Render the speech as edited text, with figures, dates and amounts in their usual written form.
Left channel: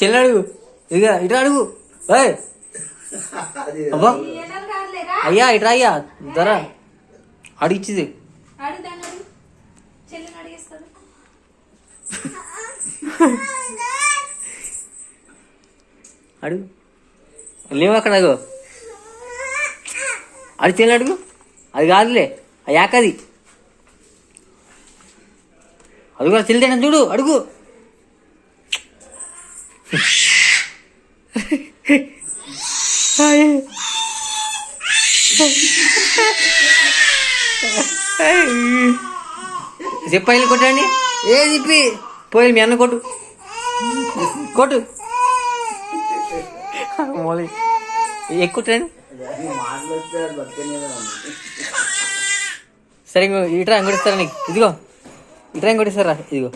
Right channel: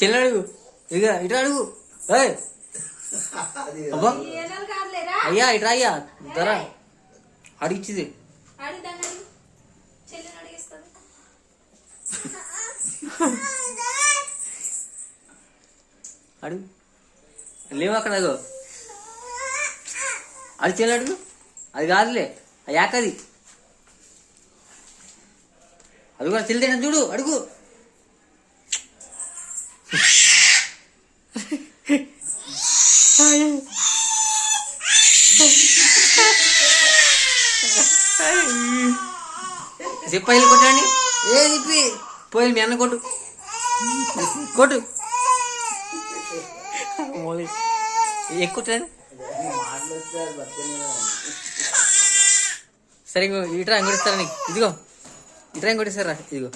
చెల్లి అడుగు, ఇక ఇట్లా అడుగు. అబ్బా అయ్యా ఇట్రా అయ్యా ధర అడిగిచ్చింది. అడుగు లేవు అక్కడ అడుగు, అది చెల్లి అడుగు. అది కాదులే యాకది, అది కూడా చెల్లితేనే చూడు అడుగు. చెప్పాయిలు కొట్టండి, ఏ చెప్పి పోయి మీ అన్న కొట్టు కొట్టు మోలీ ఎక్కుట్రాను. సరే ఇంకో ఇట్రా ఇంకోటి ఇస్తారా నీకు, ఇదిగో ఇట్రా ఇంకోటి ఇస్తారా, ఇదిగో